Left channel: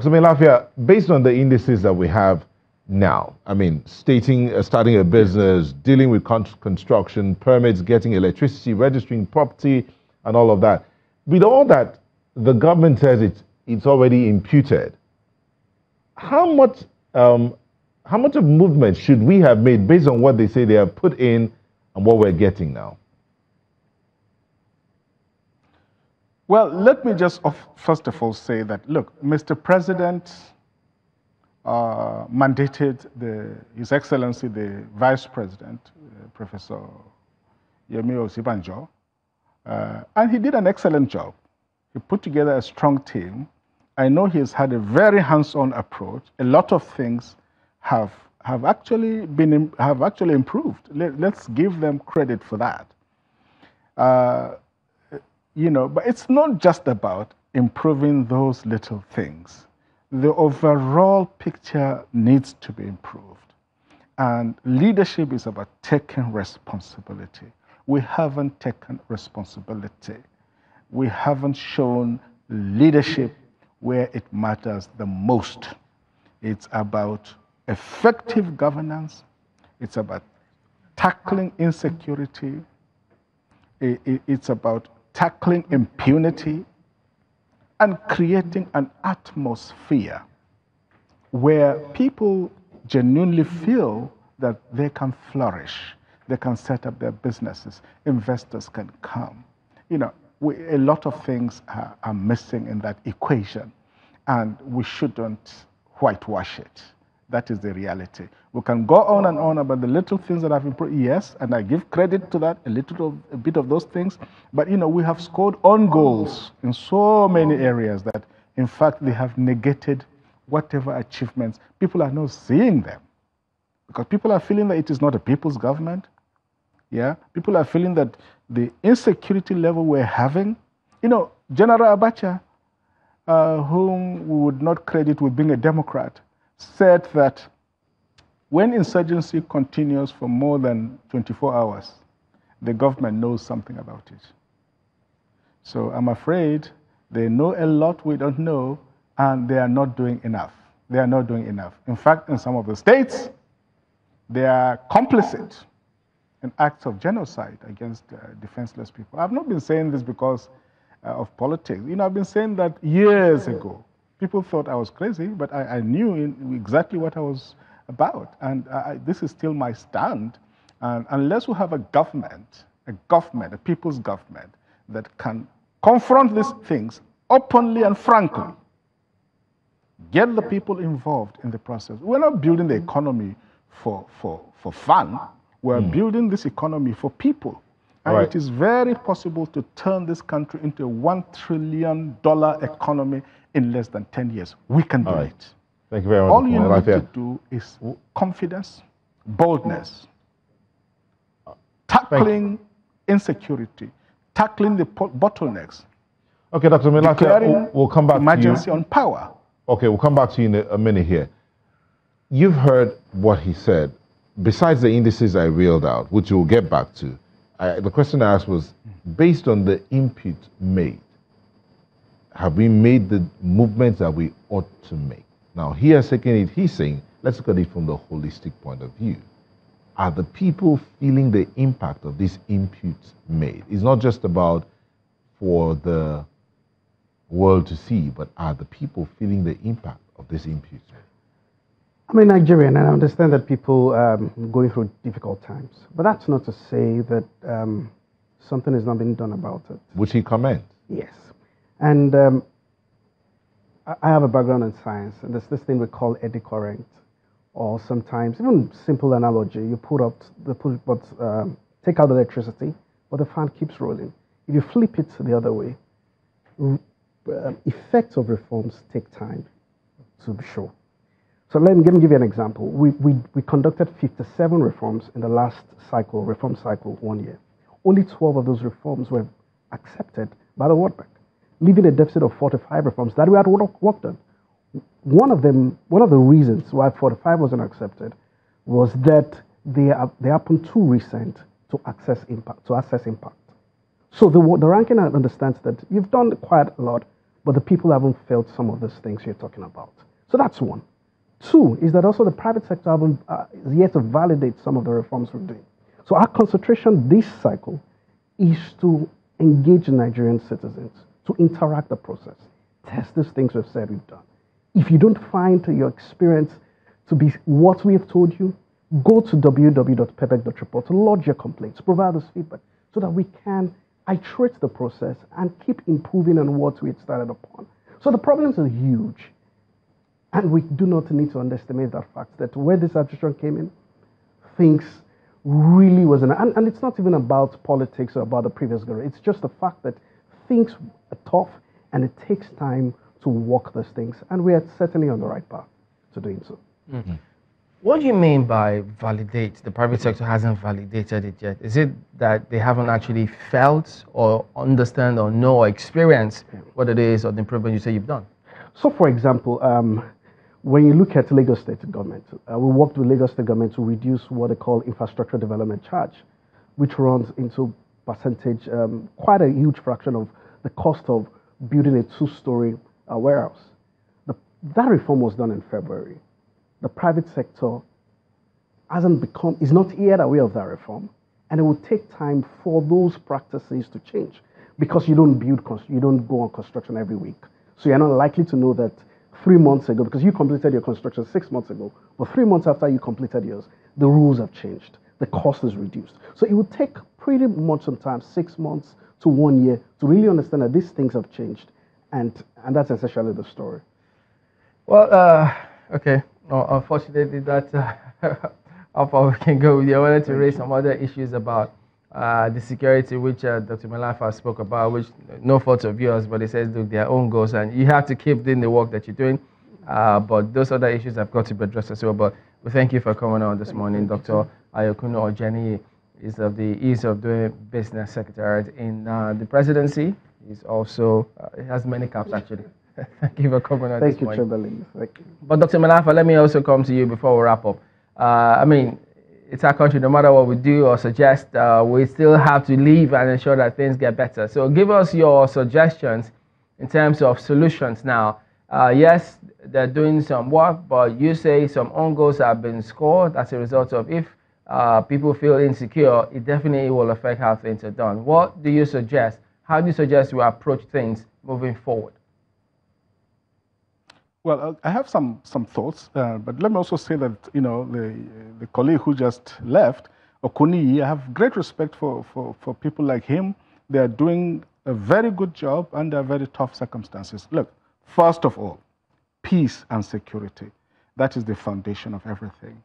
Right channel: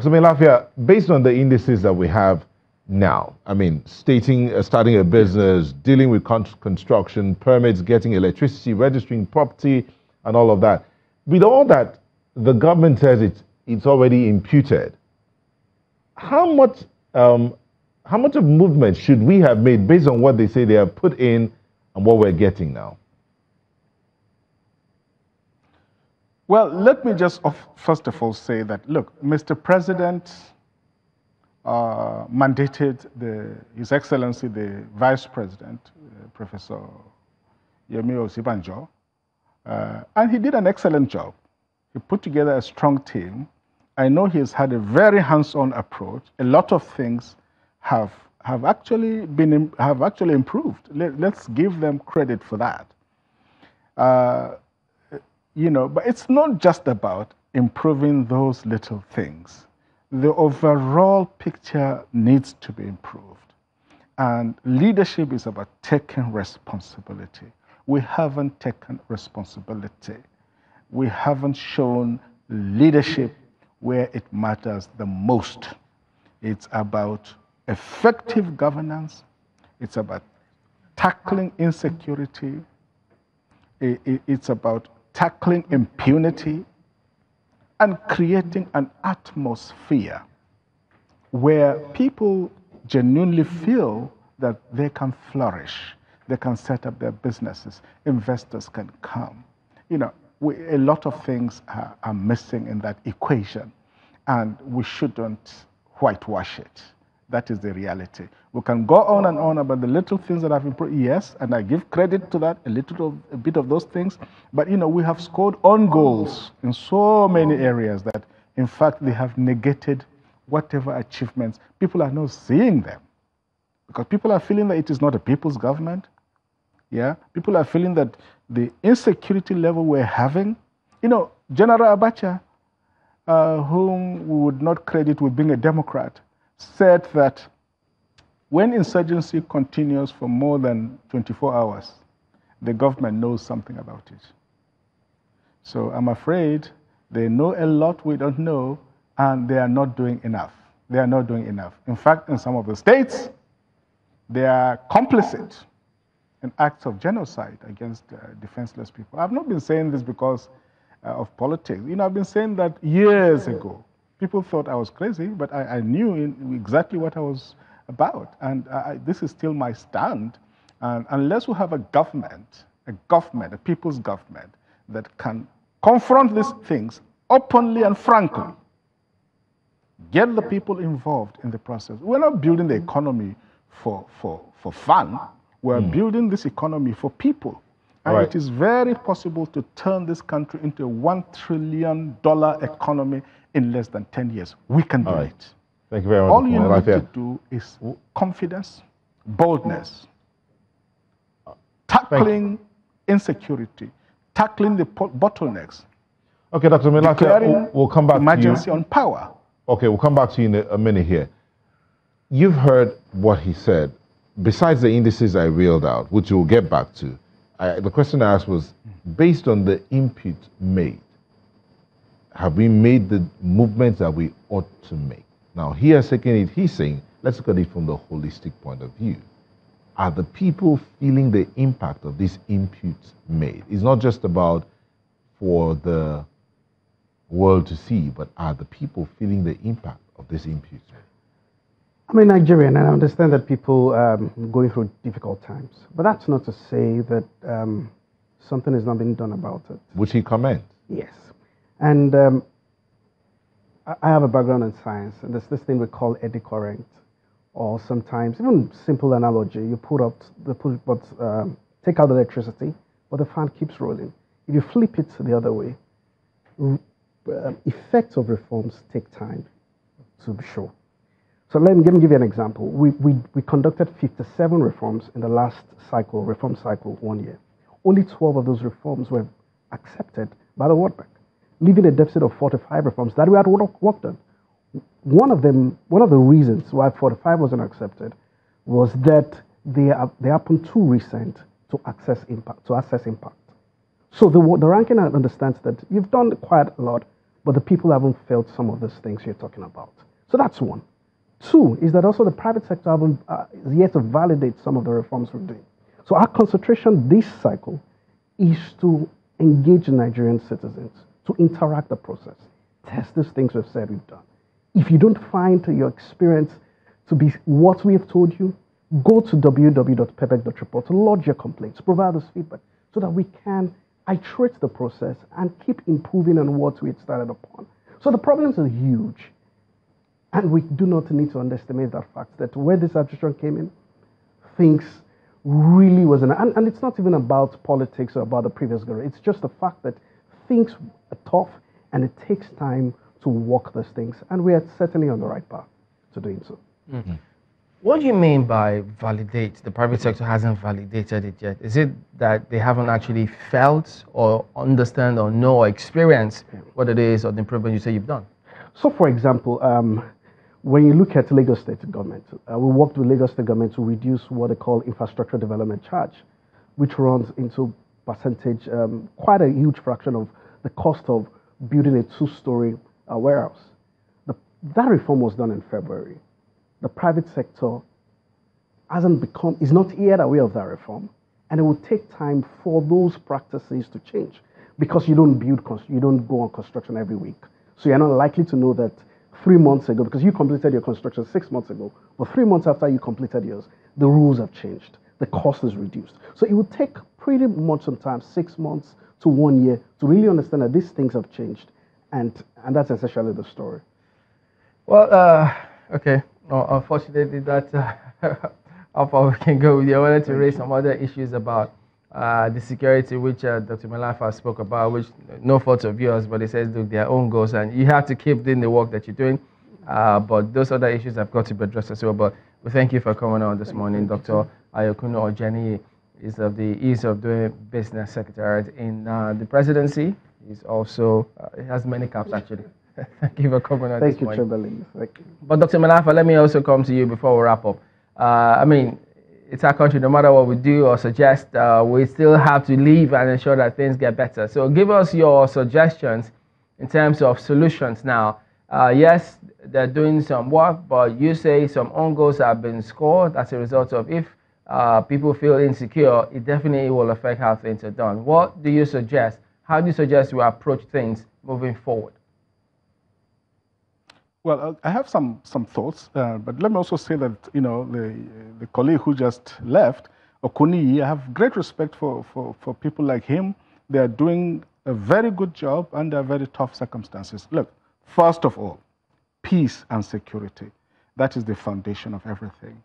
So, Mailafia, based on the indices that we have now, I mean, starting a business, dealing with construction, permits, getting electricity, registering property, and all of that. With all that, the government says it's already imputed. How much of movement should we have made based on what they say they have put in and what we're getting now? Well, let me just first of all say that, look, Mr. President mandated His Excellency the Vice President, Professor Yemi Osibanjo, and he did an excellent job. He put together a strong team. I know he's had a very hands-on approach. A lot of things have actually improved. Let's give them credit for that. But it's not just about improving those little things. The overall picture needs to be improved. And leadership is about taking responsibility. We haven't taken responsibility. We haven't shown leadership where it matters the most. It's about effective governance. It's about tackling insecurity. It's about tackling impunity and creating an atmosphere where people genuinely feel that they can flourish, they can set up their businesses, investors can come. A lot of things are missing in that equation, and we shouldn't whitewash it. That is the reality. We can go on and on about the little things that have improved, yes, and I give credit to that, a bit of those things. But, we have scored on goals in so many areas that, in fact, they have negated whatever achievements. People are not seeing them because people are feeling that it is not a people's government. Yeah, people are feeling that the insecurity level we're having, General Abacha, whom we would not credit with being a Democrat, said that when insurgency continues for more than 24 hours, the government knows something about it. So I'm afraid they know a lot we don't know, and they are not doing enough. They are not doing enough. In fact, in some of the states, they are complicit in acts of genocide against defenseless people. I've not been saying this because of politics. I've been saying that years ago. People thought I was crazy, but I knew exactly what I was about. And this is still my stand. And unless we have a government, a people's government, that can confront these things openly and frankly, get the people involved in the process. We're not building the economy for fun. We're building this economy for people. And it is very possible to turn this country into a $1 trillion economy in less than 10 years. We can do it. Thank you very much. All you need to do is confidence, boldness, tackling insecurity, tackling the bottlenecks. Okay, Dr. Mailafia, we'll come back to you. Emergency on power. Okay, we'll come back to you in a minute here. You've heard what he said. Besides the indices I reeled out, which we'll get back to, the question I asked was, based on the input made, have we made the movements that we ought to make? Now, he has taken it, he's saying, let's look at it from the holistic point of view. Are the people feeling the impact of this input made? It's not just about for the world to see, but are the people feeling the impact of this input? I'm a Nigerian, and I understand that people going through difficult times. But that's not to say that something has not been done about it. Which he comments. Yes. And I have a background in science, and there's this thing we call eddy current, or sometimes, even simple analogy, you take out the electricity, but the fan keeps rolling. If you flip it the other way, effects of reforms take time to be sure. So let me give you an example. We conducted 57 reforms in the last reform cycle 1 year. Only 12 of those reforms were accepted by the World Bank, leaving a deficit of 45 reforms that we had worked on. One of the reasons why 45 wasn't accepted was that they happened too recent to assess impact. So the ranking understands that you've done quite a lot. but the people haven't felt some of these things you're talking about. So that's one. Two is that also the private sector is yet to validate some of the reforms we're doing. So our concentration this cycle is to engage Nigerian citizens, to interact the process, test these things we've said we've done. If you don't find your experience to be what we have told you, go to www.pepec.report to lodge your complaints, provide us feedback so that we can iterate the process and keep improving on what we had started upon. So the problems are huge. And we do not need to underestimate that fact that where this administration came in, things really wasn't. And it's not even about politics or about the previous government. It's just the fact that things are tough and it takes time to work those things. And we are certainly on the right path to doing so. Mm-hmm. What do you mean by validate? The private sector hasn't validated it yet. Is it that they haven't actually felt or understand or know or experience what it is or the improvement you say you've done? So, for example, when you look at Lagos State government, we worked with Lagos State government to reduce what they call infrastructure development charge, which runs into percentage, quite a huge fraction of the cost of building a two-story warehouse. That reform was done in February. The private sector is not yet aware of that reform, and it will take time for those practices to change because you don't go on construction every week. So you're not likely to know that 3 months ago, because you completed your construction 6 months ago, but 3 months after you completed yours, the rules have changed. The cost is reduced. So it will take pretty much some time, 6 months to 1 year, to really understand that these things have changed. And that's essentially the story. Well, okay. Well, unfortunately, that's how far we can go with you. I wanted to raise some other issues about the security, which Dr. Mailafia spoke about, which no fault of yours, but he says, look, their own goals, and you have to keep doing the work that you're doing. But those other issues have got to be addressed as well. But we thank you for coming on this morning. Dr. Ojeniyi is of the Ease of Doing Business Secretariat in the presidency. He's also, he has many caps actually. Thank you for coming on this morning. Thank you. But Dr. Mailafia, let me also come to you before we wrap up. I mean, it's our country. No matter what we do or suggest, we still have to live and ensure that things get better. So give us your suggestions in terms of solutions now. Yes, they're doing some work, but you say some own goals have been scored as a result of if people feel insecure, it definitely will affect how things are done. What do you suggest? How do you suggest we approach things moving forward? Well, I have some thoughts, but let me also say that, the colleague who just left, Ojeniyi, I have great respect for people like him. They are doing a very good job under very tough circumstances. Look, first of all, peace and security. That is the foundation of everything.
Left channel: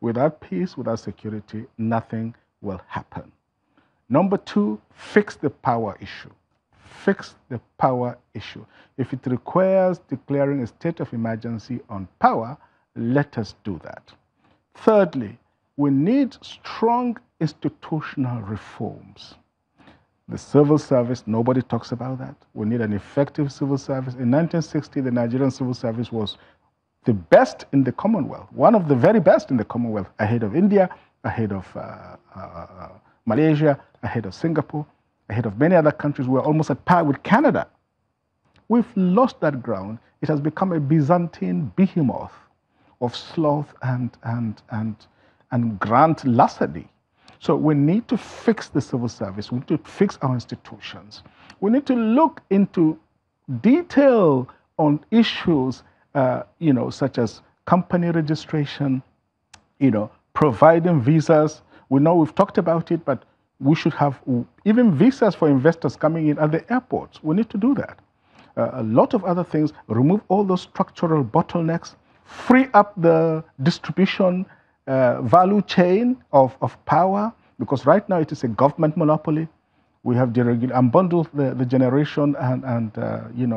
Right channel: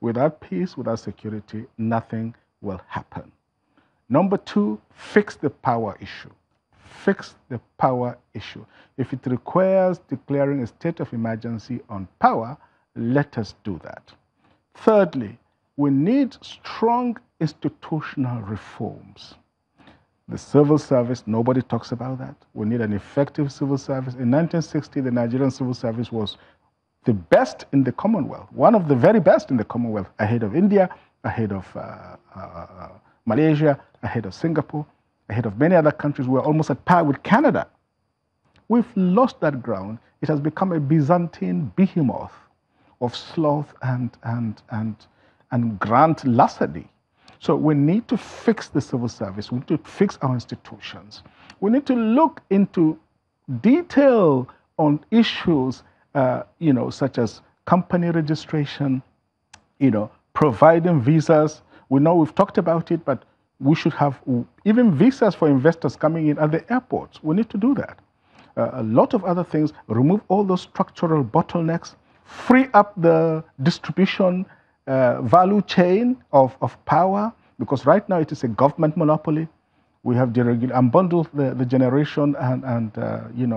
Without peace, without security, nothing will happen. Number two, fix the power issue. Fix the power issue. If it requires declaring a state of emergency on power, let us do that. Thirdly, we need strong institutional reforms. The civil service, nobody talks about that. We need an effective civil service. In 1960, the Nigerian civil service was the best in the Commonwealth, one of the very best in the Commonwealth, ahead of India, ahead of Malaysia, ahead of Singapore, ahead of many other countries. We're almost at par with Canada. We've lost that ground. It has become a Byzantine behemoth of sloth and grand larceny. So we need to fix the civil service. We need to fix our institutions. We need to look into detail on issues, such as company registration, providing visas. We know we've talked about it, but we should have even visas for investors coming in at the airports. We need to do that. A lot of other things, remove all those structural bottlenecks, free up the distribution value chain of power, because right now it is a government monopoly. We have unbundled the generation and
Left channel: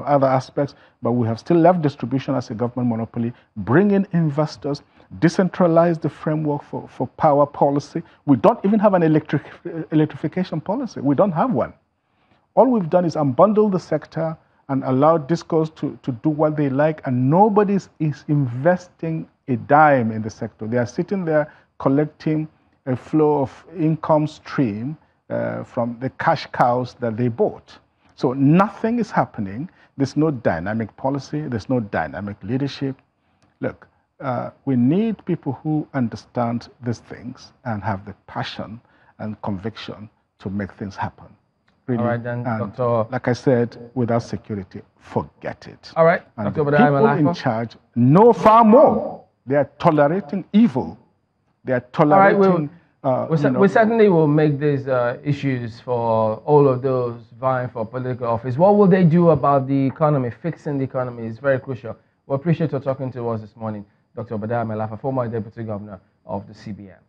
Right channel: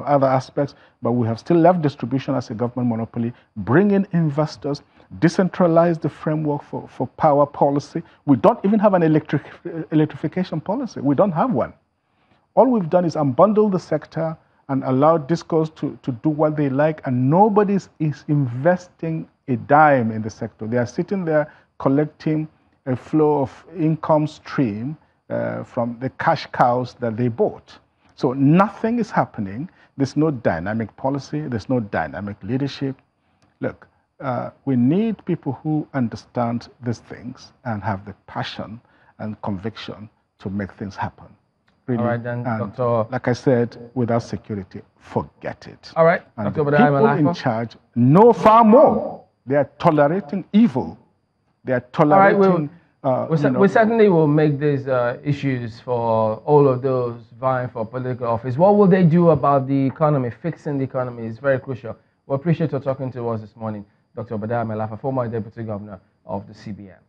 other aspects, but we have still left distribution as a government monopoly. Bring in investors, decentralize the framework for power policy. We don't even have an electrification policy. We don't have one. All we've done is unbundle the sector and allow discos to do what they like, and nobody is investing a dime in the sector. They are sitting there collecting a flow of income stream from the cash cows that they bought. So nothing is happening. There's no dynamic policy. There's no dynamic leadership. Look, we need people who understand these things and have the passion and conviction to make things happen. Really. All right, then, And Dr. like I said, without security, forget it. All right, And Dr. the people Mailafia. in charge know far more. They are tolerating evil. They are tolerating. We certainly will make these issues for all of those vying for political office. What will they do about the economy? Fixing the economy is very crucial. We appreciate you talking to us this morning, Dr. Mailafia, former Deputy Governor of the CBN.